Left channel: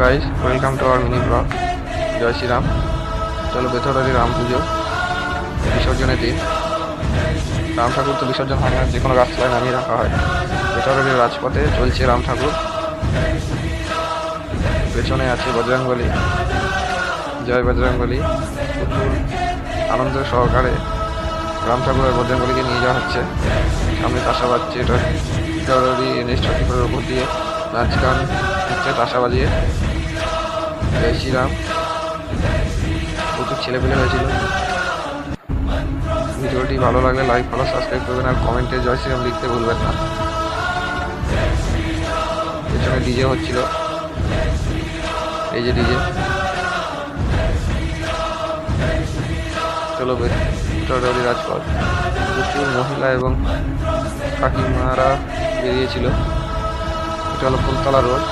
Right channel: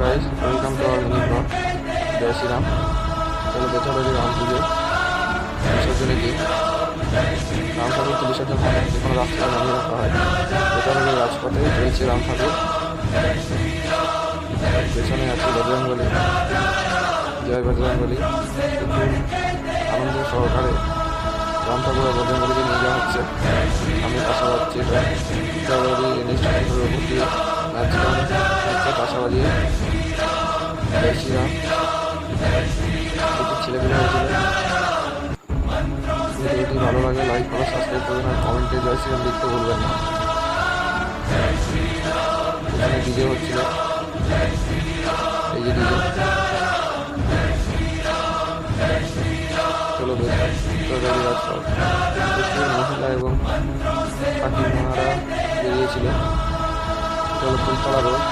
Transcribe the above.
Guys, welcome to our mini blog. জয় শ্রীরাম। চলো বেথরবাড়ি রাম পুজো বিসর্জনের দিন। রাম ঠাকুর তো বিসর্জন হয় না, যে কোনো রাস্তায় নামিয়ে রাখা হয়। বেথরবাড়ির রাজপথে চলছে রাম ঠাকুর, পেছনে আছে বজরংবলী। জয় বজরংবলী। প্রচুর আনন্দ সহকারে রাম ঠাকুর আর বজরংবলীকে নিয়ে যাওয়া হচ্ছে। সামনে তাসা বাজছে, এটা বেথরবাড়ি NH-34 ওপর দিয়ে নাচ গান হচ্ছে তাসা বাজিয়ে। জয় শ্রীরাম। প্রচুর ছেলেপেলে হয়েছিল। ভিডিওটি ভালো লাগলে লাইক, ফলো, সাবস্ক্রাইব করবেন আর কমেন্টে জয় শ্রীরাম লিখতে ভুলবেন না। পেছনে ডিজে হচ্ছিল, এই যে ডিজে। চলো বেথরবাড়ি রাজপথ। প্রচুর মহিলা এবং কাকিমারা বেরিয়েছিল। এটা হলো ফুলতলা রোড।